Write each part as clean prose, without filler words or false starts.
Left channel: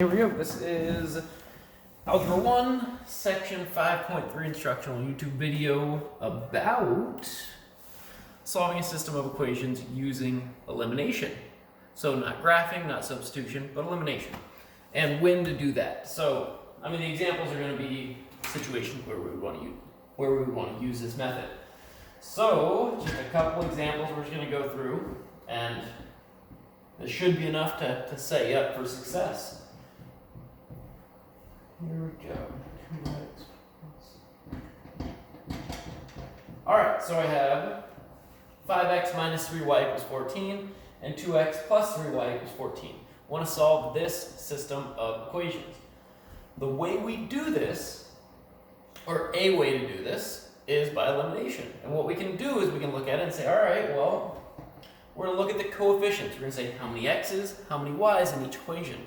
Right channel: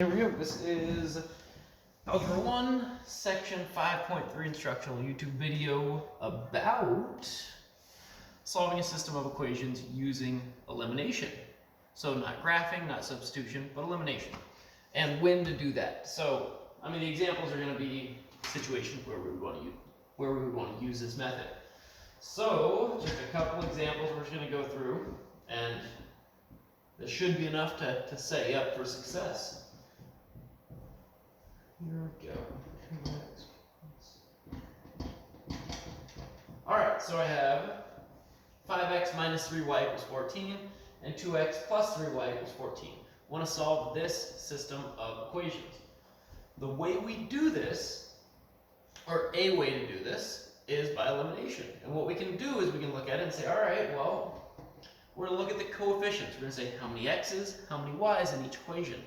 Here we go. This is Algebra 1, Section 5.3 instructional YouTube video about solving a system of equations using elimination. So not graphing, not substitution, but elimination. And when to do that. So, the examples are going to be situations where we would want to use this method. So, just a couple examples we're just going to go through, and this should be enough to set you up for success. Here we go. 2x plus. Alright, so I have 5x minus 3y equals 14 and 2x plus 3y equals 14. I want to solve this system of equations. The way we do this, or a way to do this, is by elimination. And what we can do is we can look at it and say, alright, well, we're going to look at the coefficients. We're going to say how many x's, how many y's in each equation.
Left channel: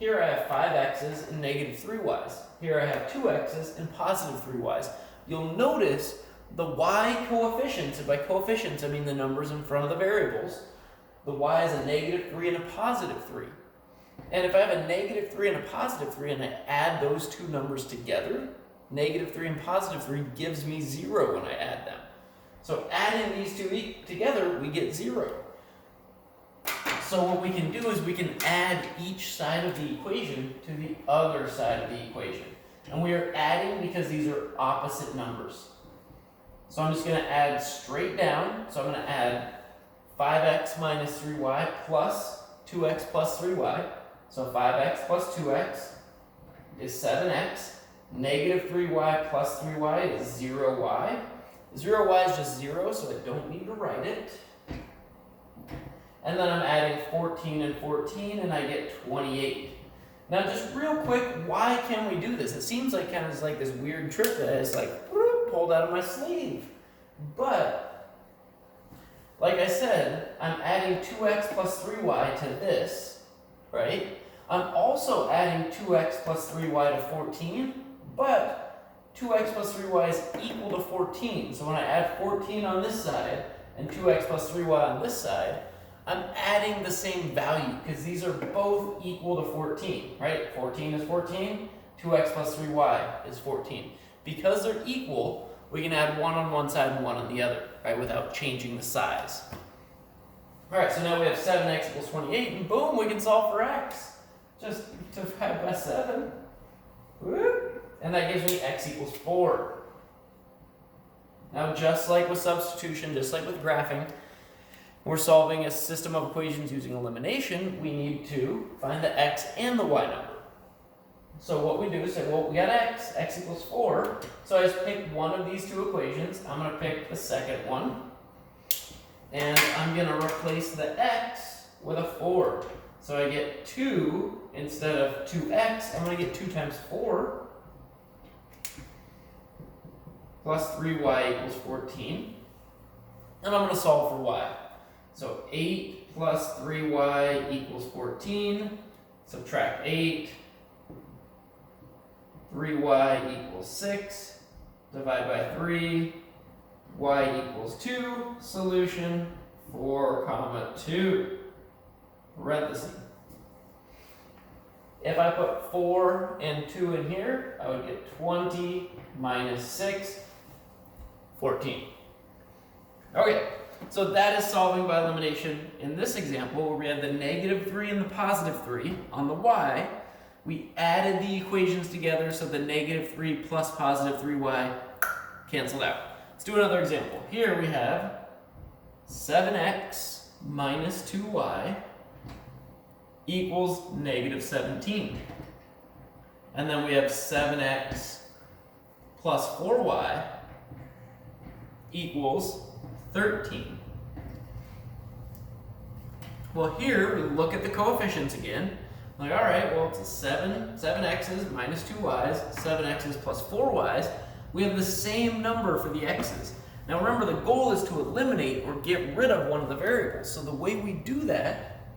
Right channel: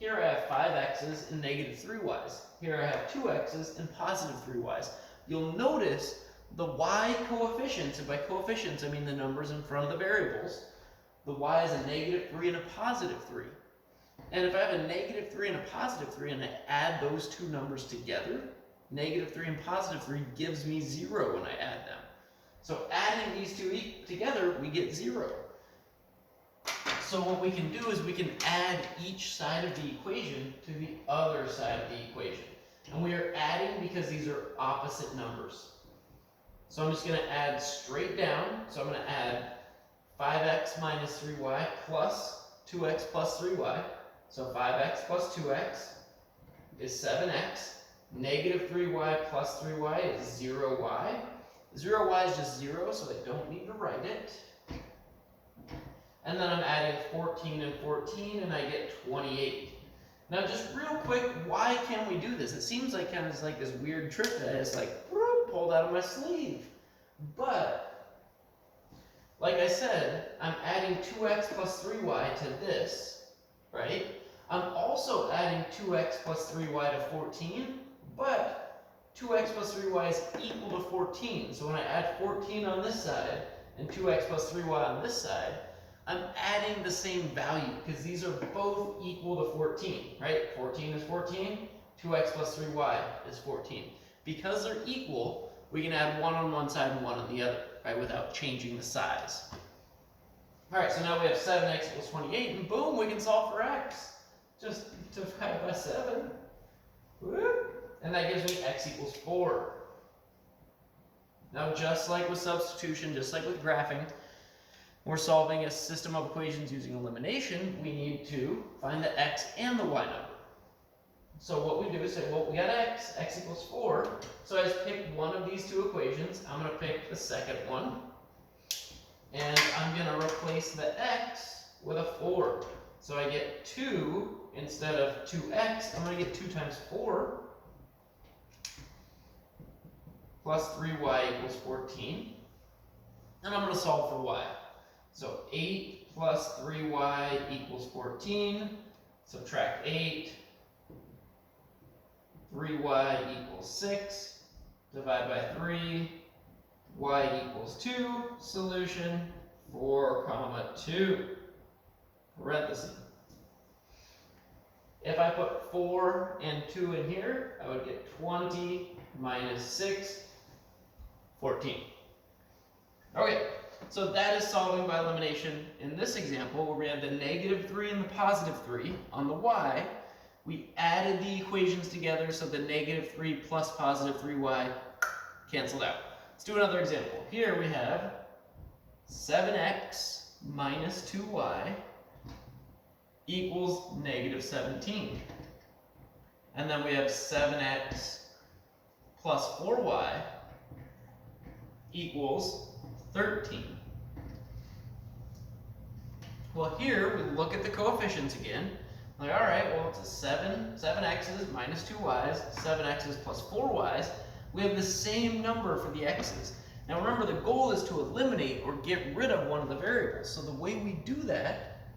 Here I have 5x's and negative 3y's. Here I have 2x's and positive 3y's. You'll notice the y coefficients, and by coefficients I mean the numbers in front of the variables. The y is a negative 3 and a positive 3. And if I have a negative 3 and a positive 3 and I add those two numbers together, negative 3 and positive 3 gives me 0 when I add them. So adding these two together, we get 0. So what we can do is we can add each side of the equation to the other side of the equation. And we are adding because these are opposite numbers. So I'm just going to add straight down. So I'm going to add 5x minus 3y plus 2x plus 3y. So 5x plus 2x is 7x. Negative 3y plus 3y is 0y. 0y is just 0, so I don't need to write it. And then I'm adding 14 and 14, and I get 28. Now, just real quick, why can we do this? It seems like kind of like this weird trick that is like pulled out of my sleeve. But, like I said, I'm adding 2x plus 3y to this, right? I'm also adding 2x plus 3y to 14, but 2x plus 3y is equal to 14. So when I add 14 on this side and 2x plus 3y on this side, I'm adding the same value because these are both equal to 14, right? 14 is 14, 2x plus 3y is 14. Because they're equal, we can add 1 on one side and 1 on the other, right, without changing the size. All right, so now we have 7x equals 28, and boom, we can solve for x. Just divide by 7. Whoop. And that gives me x equals 4. Now, just like with substitution, just like with graphing, we're solving a system of equations using elimination. We need to find the x and the y number. So what we do is say, well, we got x equals 4. So I just pick one of these two equations. I'm going to pick the second one. And I'm going to replace the x with a 4. So I get 2 instead of 2x. I'm going to get 2 times 4 plus 3y equals 14. And I'm going to solve for y. So 8 plus 3y equals 14. Subtract 8. 3y equals 6. Divide by 3. Y equals 2. Solution 4, 2. Parenthesis. If I put 4 and 2 in here, I would get 20 minus 6, 14. Okay. So that is solving by elimination. In this example, where we had the negative 3 and the positive 3 on the y, we added the equations together so the negative 3 plus positive 3y canceled out. Let's do another example. Here we have 7x minus 2y equals negative 17. And then we have 7x plus 4y equals 13. Well, here we look at the coefficients again. Like, all right, well, it's a 7x's minus 2y's, 7x's plus 4y's. We have the same number for the x's. Now remember, the goal is to eliminate or get rid of one of the variables. So the way we do that,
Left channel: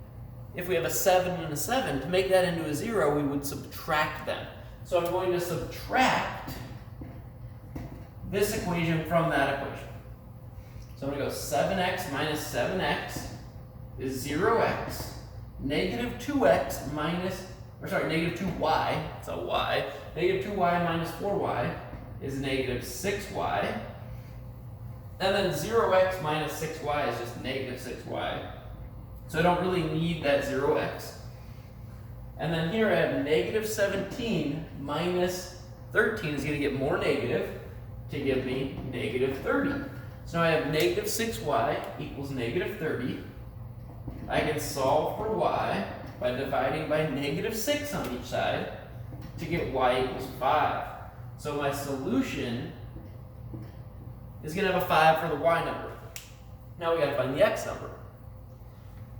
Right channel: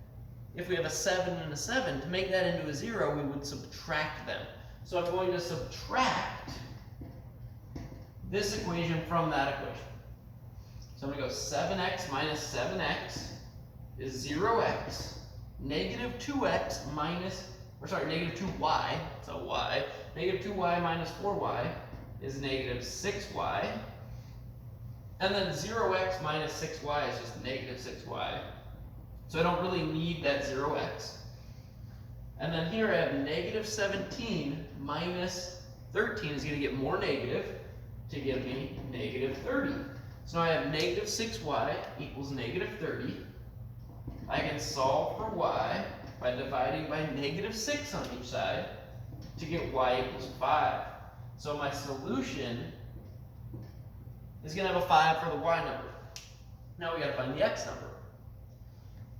if we have a 7 and a 7, to make that into a 0, we would subtract them. So I'm going to subtract this equation from that equation. So I'm going to go 7x minus 7x is 0x. Negative 2x minus or sorry, negative 2y, so y, negative 2y minus 4y is negative 6y. And then 0x minus 6y is just negative 6y. So I don't really need that 0x. And then here I have negative 17 minus 13 is going to get more negative to give me negative 30. So now I have negative 6y equals negative 30. I can solve for y by dividing by negative 6 on each side to get y equals 5. So my solution is going to have a 5 for the y number. Now we got to find the x number.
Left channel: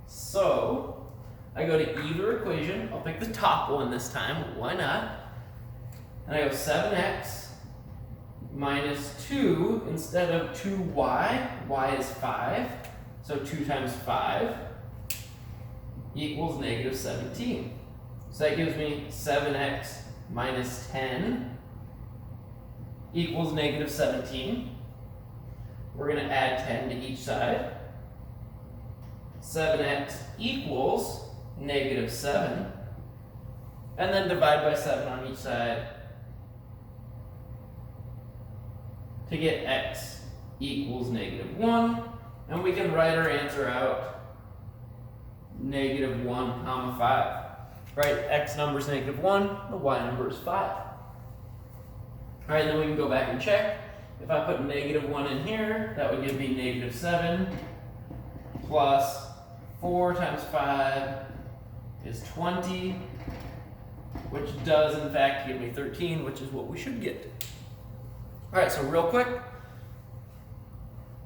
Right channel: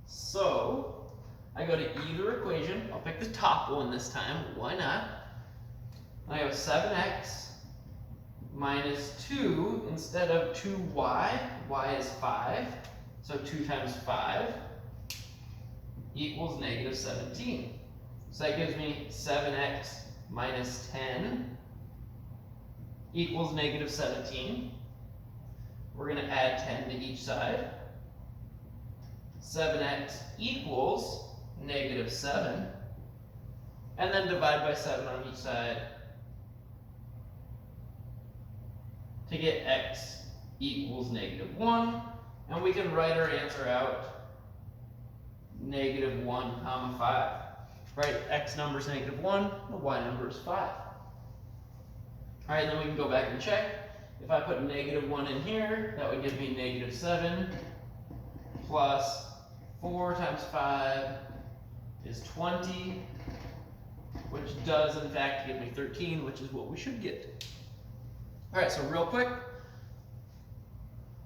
So I go to either equation. I'll pick the top one this time. Why not? And I go 7x minus 2 instead of 2y. Y is 5. So 2 times 5 equals negative 17. So that gives me 7x minus 10 equals negative 17. We're going to add 10 to each side. 7x equals negative 7. And then divide by 7 on each side to get x equals negative 1. And we can write our answer out negative 1 comma 5. Right, x number is negative 1, the y number is 5. All right, then we can go back and check. If I put negative 1 in here, that would give me negative 7 plus 4 times 5 is 20, which does in fact give me 13, which is what we should get. All right, so real quick,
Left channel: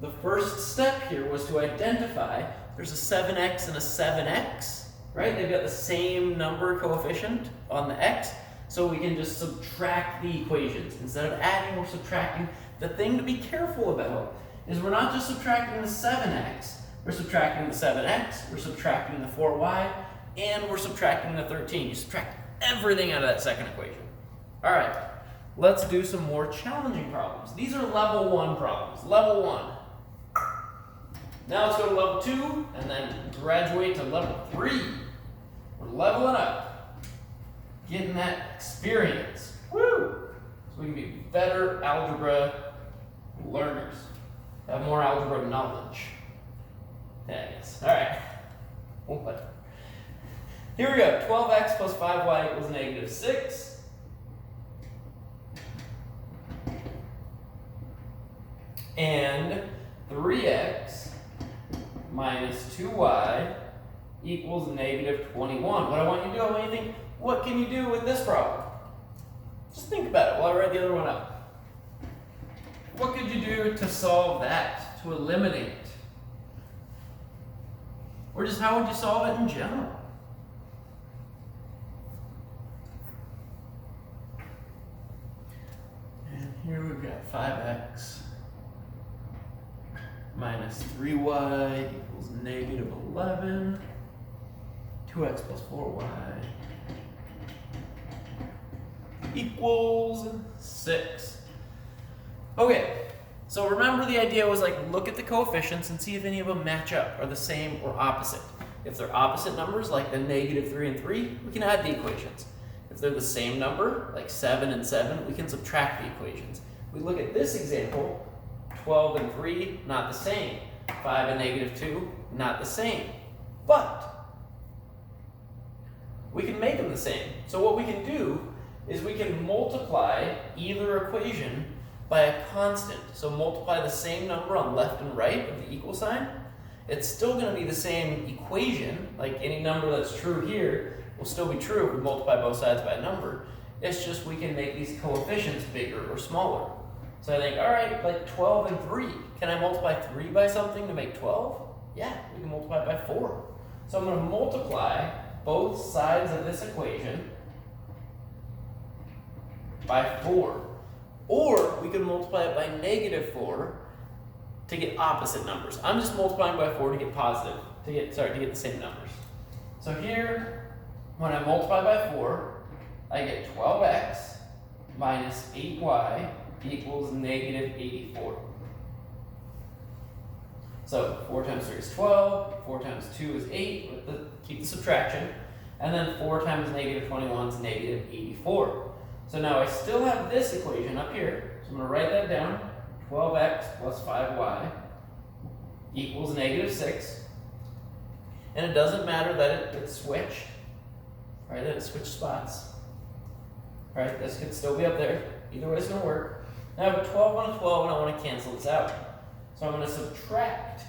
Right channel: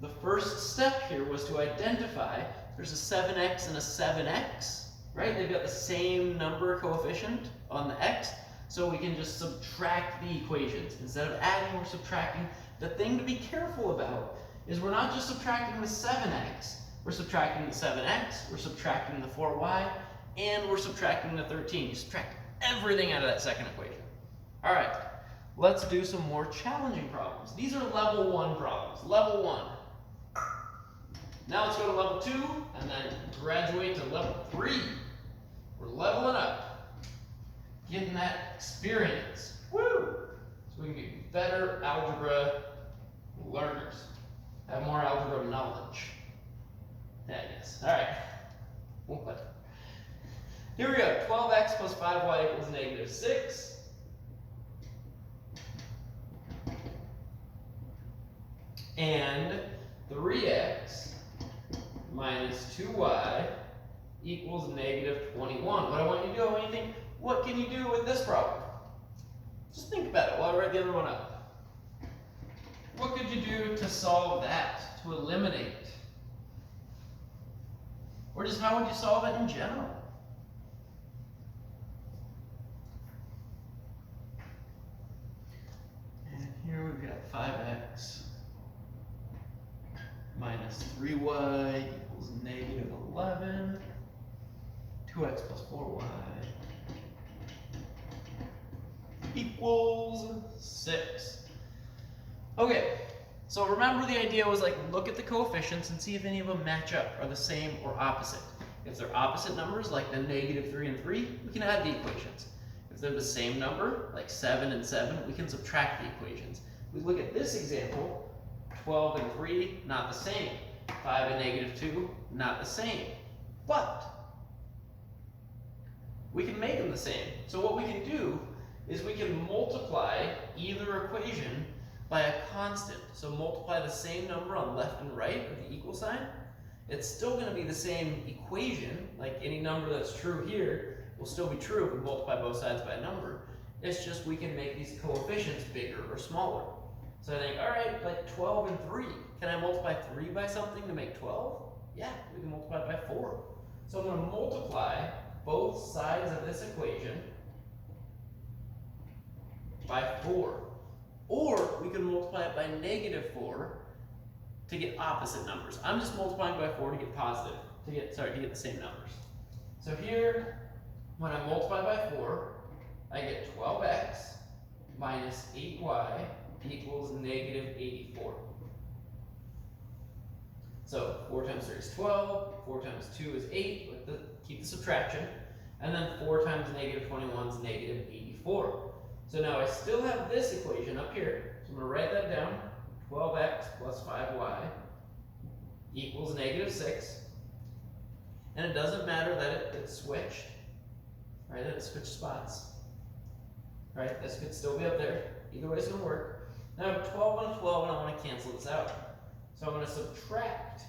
the first step here was to identify there's a 7x and a 7x, right? They've got the same number coefficient on the x, so we can just subtract the equations. Instead of adding, we're subtracting. The thing to be careful about is we're not just subtracting the 7x, we're subtracting the 7x, we're subtracting the 4y, and we're subtracting the 13. You subtract everything out of that second equation. All right, let's do some more challenging problems. These are level 1 problems, level 1. Now let's go to level 2 and then graduate to level 3. We're leveling up, getting that experience. Woo! So we can be better algebra learners, have more algebra knowledge. Yeah, I guess. All right. What? Here we go. 12x plus 5y equals negative 6. And 3x minus 2y equals negative 21. What I want you to do, I want you to think, what can you do with this problem? Just think about it while I write the other one up. What could you do to solve that, to eliminate? Or just how would you solve it in general? And here we've got 5x minus 3y equals negative 11. 2x plus 4y equals 6. Okay, so remember the idea was like look at the coefficients and see if any of them match up, are the same or opposite. If they're opposite numbers, like the negative 3 and 3, we can add the equations. If they're the same number, like 7 and 7, we can subtract the equations. If we look at this example, 12 and 3, not the same. 5 and negative 2, not the same. But we can make them the same. So what we can do is we can multiply either equation by a constant. So multiply the same number on left and right of the equal sign. It's still going to be the same equation, like any number that's true here will still be true if we multiply both sides by a number. It's just we can make these coefficients bigger or smaller. So I think, all right, like 12 and 3. Can I multiply 3 by something to make 12? Yeah, we can multiply by 4. So I'm going to multiply both sides of this equation by 4. Or we can multiply it by negative 4 to get opposite numbers. I'm just multiplying by 4 to get positive, to get the same numbers. So here, when I multiply by 4, I get 12x minus 8y equals negative 84. So 4 times 3 is 12, 4 times 2 is 8, keep the subtraction. And then 4 times negative 21 is negative 84. So now I still have this equation up here. So I'm going to write that down. 12x plus 5y equals negative 6. And it doesn't matter that it switched, right? That it switched spots. Right? This could still be up there. Either way it's going to work. Now I have a 12 on a 12 and I want to cancel this out. So I'm going to subtract.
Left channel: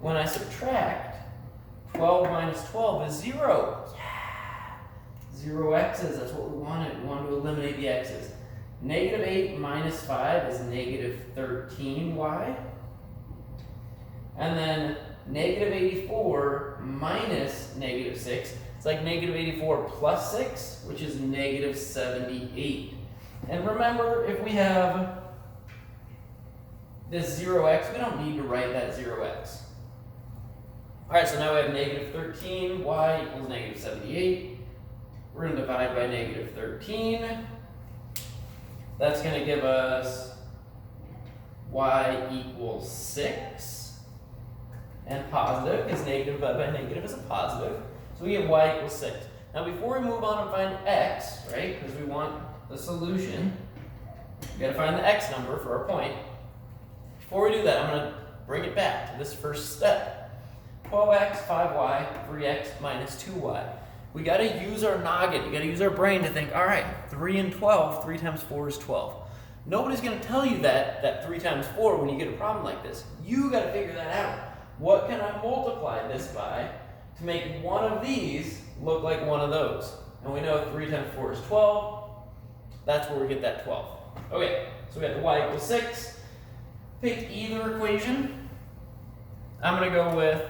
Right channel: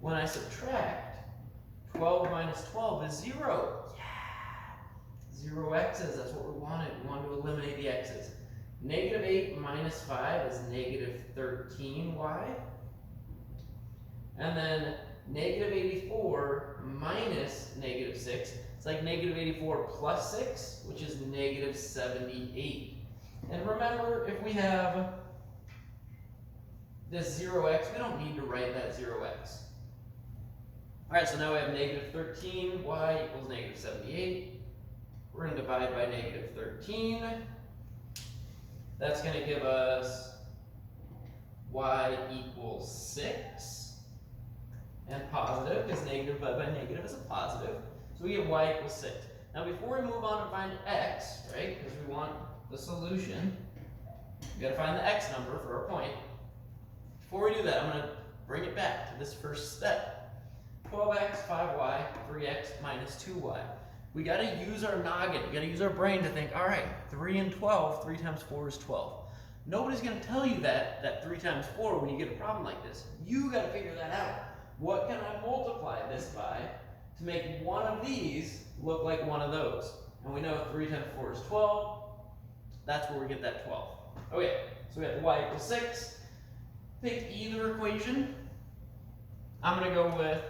When I subtract, 12 minus 12 is 0. Yeah! 0 x's, that's what we wanted. We wanted to eliminate the x's. Negative 8 minus 5 is negative 13y. And then negative 84 minus negative 6, it's like negative 84 plus 6, which is negative 78. And remember, if we have this 0x, we don't need to write that 0x. All right, so now we have negative 13y equals negative 78. We're going to divide by negative 13. That's going to give us y equals 6. And positive, because negative divided by negative is a positive. So we get y equals 6. Now before we move on and find x, right, because we want the solution, we got to find the x number for our point. Before we do that, I'm going to bring it back to this first step. 12x, 5y, 3x minus 2y. We got to use our noggin. You got to use our brain to think, all right, 3 and 12, 3 times 4 is 12. Nobody's going to tell you that 3 times 4 when you get a problem like this. You got to figure that out. What can I multiply this by to make one of these look like one of those? And we know 3 times 4 is 12. That's where we get that 12. Okay, so we have the y equals 6. Pick either equation. I'm going to go with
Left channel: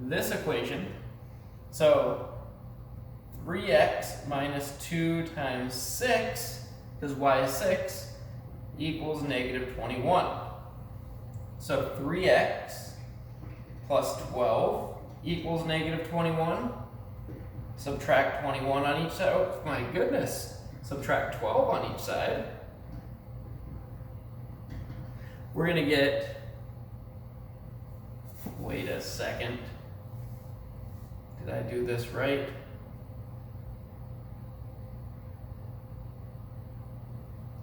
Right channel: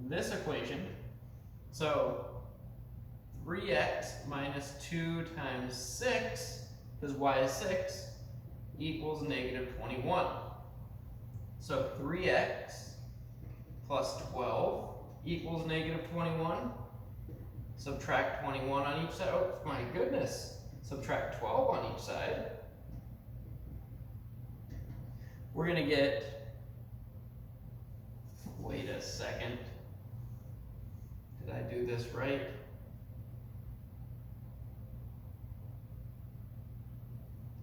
this equation. So 3x minus 2 times 6, because y is 6, equals negative 21. So 3x plus 12 equals negative 21. Subtract 21 on each side. Oh my goodness. Subtract 12 on each side. We're going to get, wait a second. Did I do this right?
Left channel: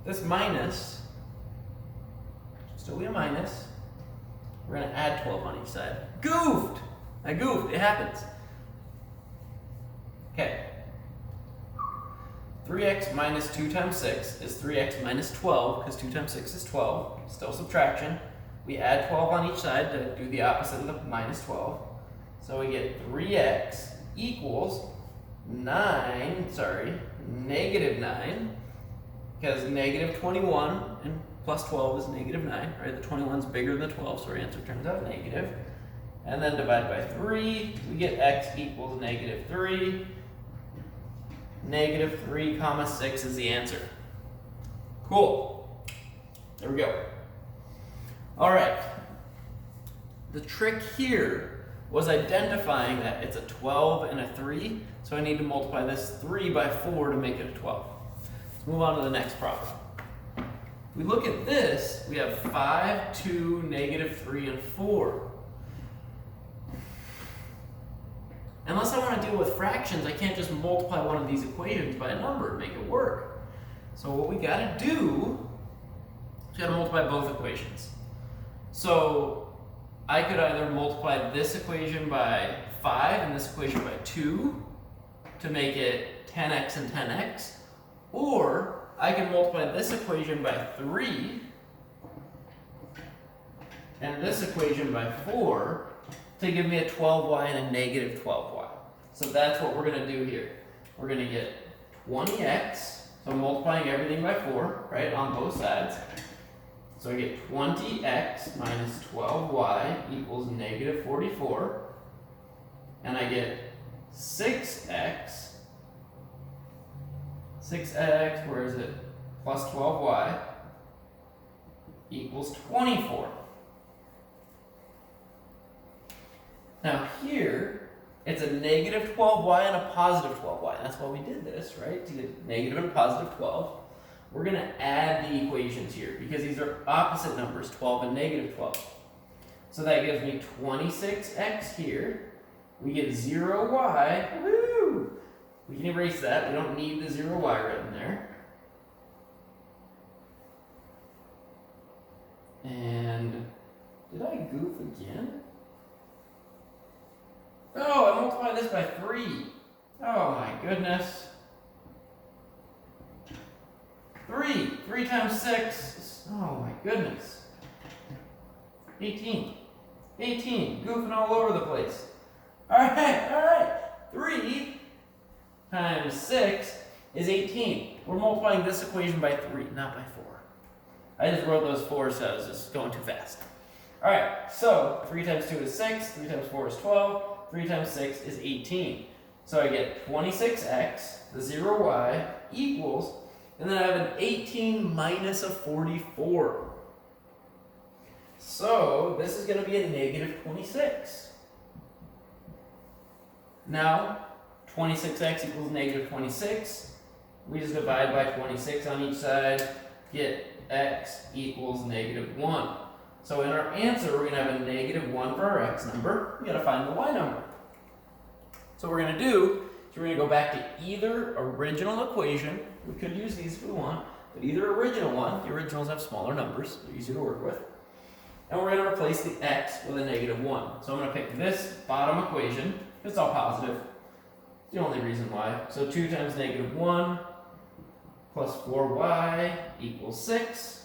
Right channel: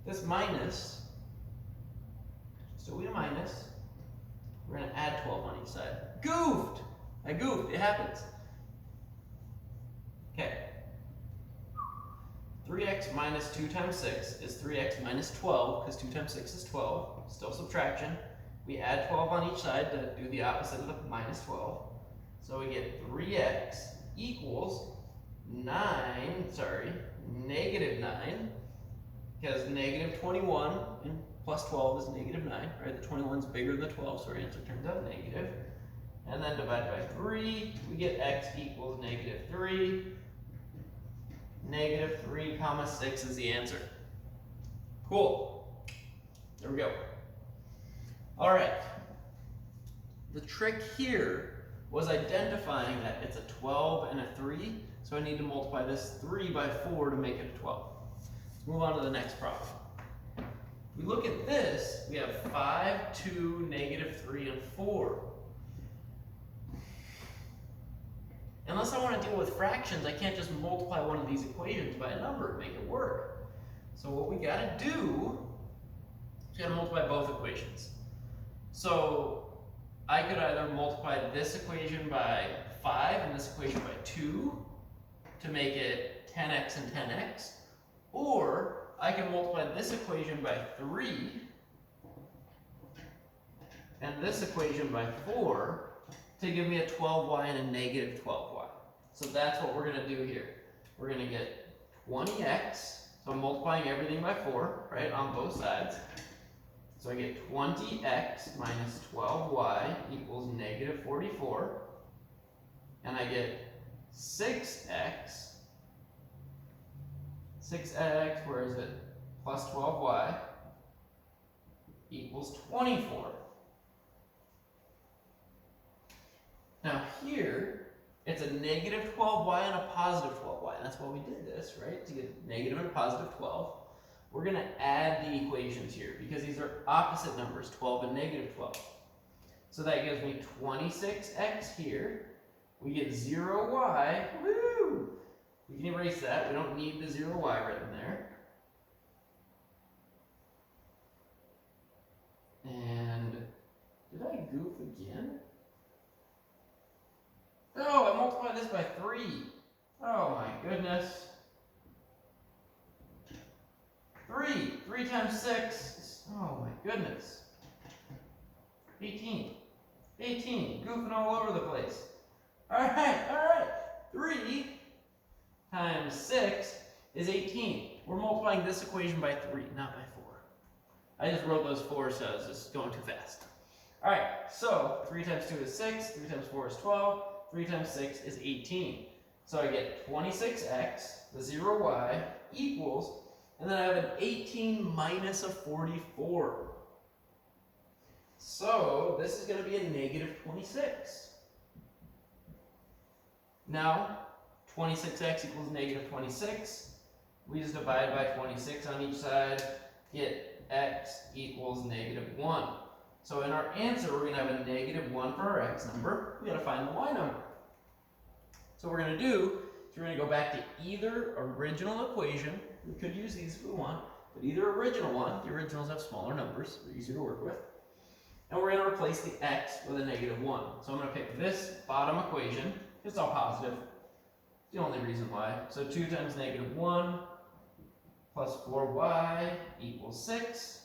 This minus, still be a minus. We're going to add 12 on each side. Goofed! I goofed. It happens. Okay. 3x minus 2 times 6 is 3x minus 12, because 2 times 6 is 12. Still subtraction. We add 12 on each side to do the opposite of the minus 12. So we get 3x equals negative 9, because negative 21 and plus 12 is negative 9, right? The 21 is bigger than the 12, so our answer turns out negative. And then divide by 3, we get x equals negative 3. Negative 3 comma 6 is the answer. Cool. There we go. All right. The trick here was identifying that it's a 12 and a 3, so I need to multiply this 3 by 4 to make it a 12. Let's move on to the next problem. If we look at this, we have 5, 2, negative 3, and 4. Unless I want to deal with fractions, I can't just multiply one of these equations by a number and make it work. So what we got to do is we got to multiply both equations. So I could either multiply this equation by 5 and this equation by 2 to make it 10x and 10x, or I can multiply this equation by 3 and this equation by 4 to give me a 12y and a negative 12y. So that's what we're going to do here. We're going to get 20x, so multiplying everything by 4, right, on both sides. So I get 20x minus 12y equals negative 44. And I get 6x, where is it, plus 12y equals 24. Now here, it's a negative 12y and a positive 12y. That's why we did this, right? To get negative and positive 12. We're going to add the equations here because these are opposite numbers, 12 and negative 12. So that gives me 26x here we get 0y. Woo! We can erase that. We don't need the 0y written there. And did I goof again? Oh, I multiplied this by 3. Oh my goodness. 3 times 6. Oh my goodness. 18. Goofing all over the place. Alright. 3 times 6 is 18. We're multiplying this equation by 3, not by 4. I just wrote those 4 so I was just going too fast. Alright, so 3 times 2 is 6, 3 times 4 is 12, 3 times 6 is 18. So I get 26x, the 0y, equals, and then I have an 18 minus a 44. So this is going to be a negative 26. Now, 26x equals negative 26. We just divide by 26 on each side, get x equals negative 1. So in our answer, we're going to have a negative 1 for our x number. We got to find the y number. So what we're going to do is we're going to go back to either original equation. We could use these if we want, but either original one. The originals have smaller numbers, so they're easier to work with. And we're going to replace the x with a negative 1. So I'm going to pick this bottom equation. It's all positive. The only reason why. So 2 times negative 1 plus 4y equals 6.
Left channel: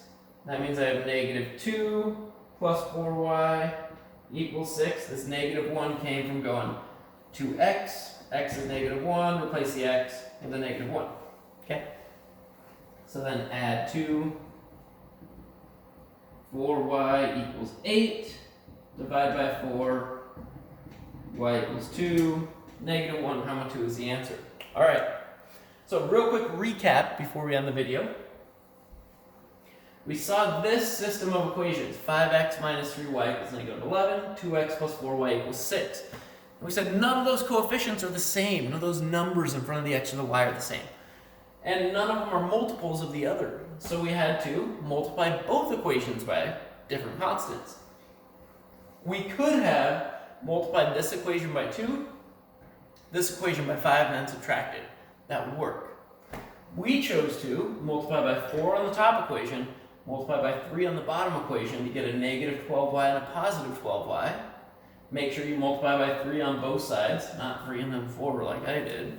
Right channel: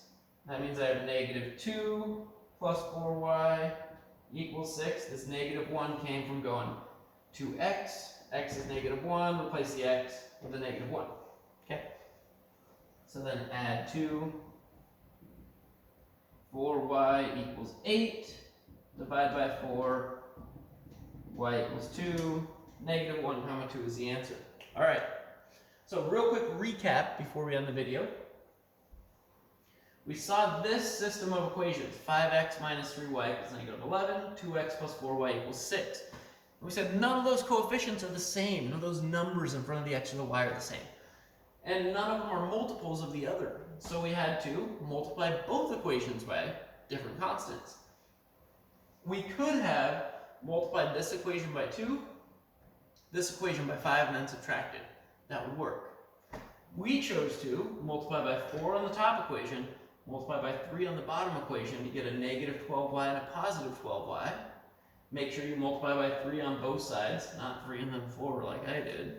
That means I have negative 2 plus 4y equals 6. This negative 1 came from going to x. X is negative 1. Replace the x with a negative 1. Okay? So then add 2. 4y equals 8. Divide by 4. Y equals 2. Negative 1 comma 2 is the answer. All right. So real quick recap before we end the video. We saw this system of equations. 5x minus 3y equals negative 11. 2x plus 4y equals 6. And we said none of those coefficients are the same. None of those numbers in front of the x or the y are the same. And none of them are multiples of the other. So we had to multiply both equations by different constants. We could have multiplied this equation by 2, this equation by 5, and then subtracted. That would work. We chose to multiply by 4 on the top equation, multiply by 3 on the bottom equation to get a negative 12y and a positive 12y. Make sure you multiply by 3 on both sides, not 3 and then 4 like I did.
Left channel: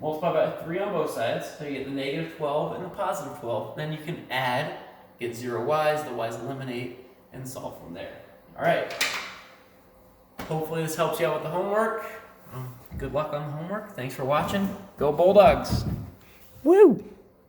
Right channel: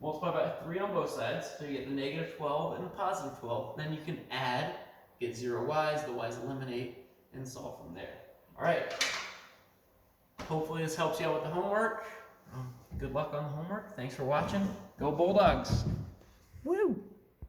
Multiply by 3 on both sides, so you get the negative 12 and the positive 12. Then you can add, get 0 y's, the y's eliminate, and solve from there. All right. Hopefully this helps you out with the homework. Good luck on the homework. Thanks for watching. Go Bulldogs. Woo!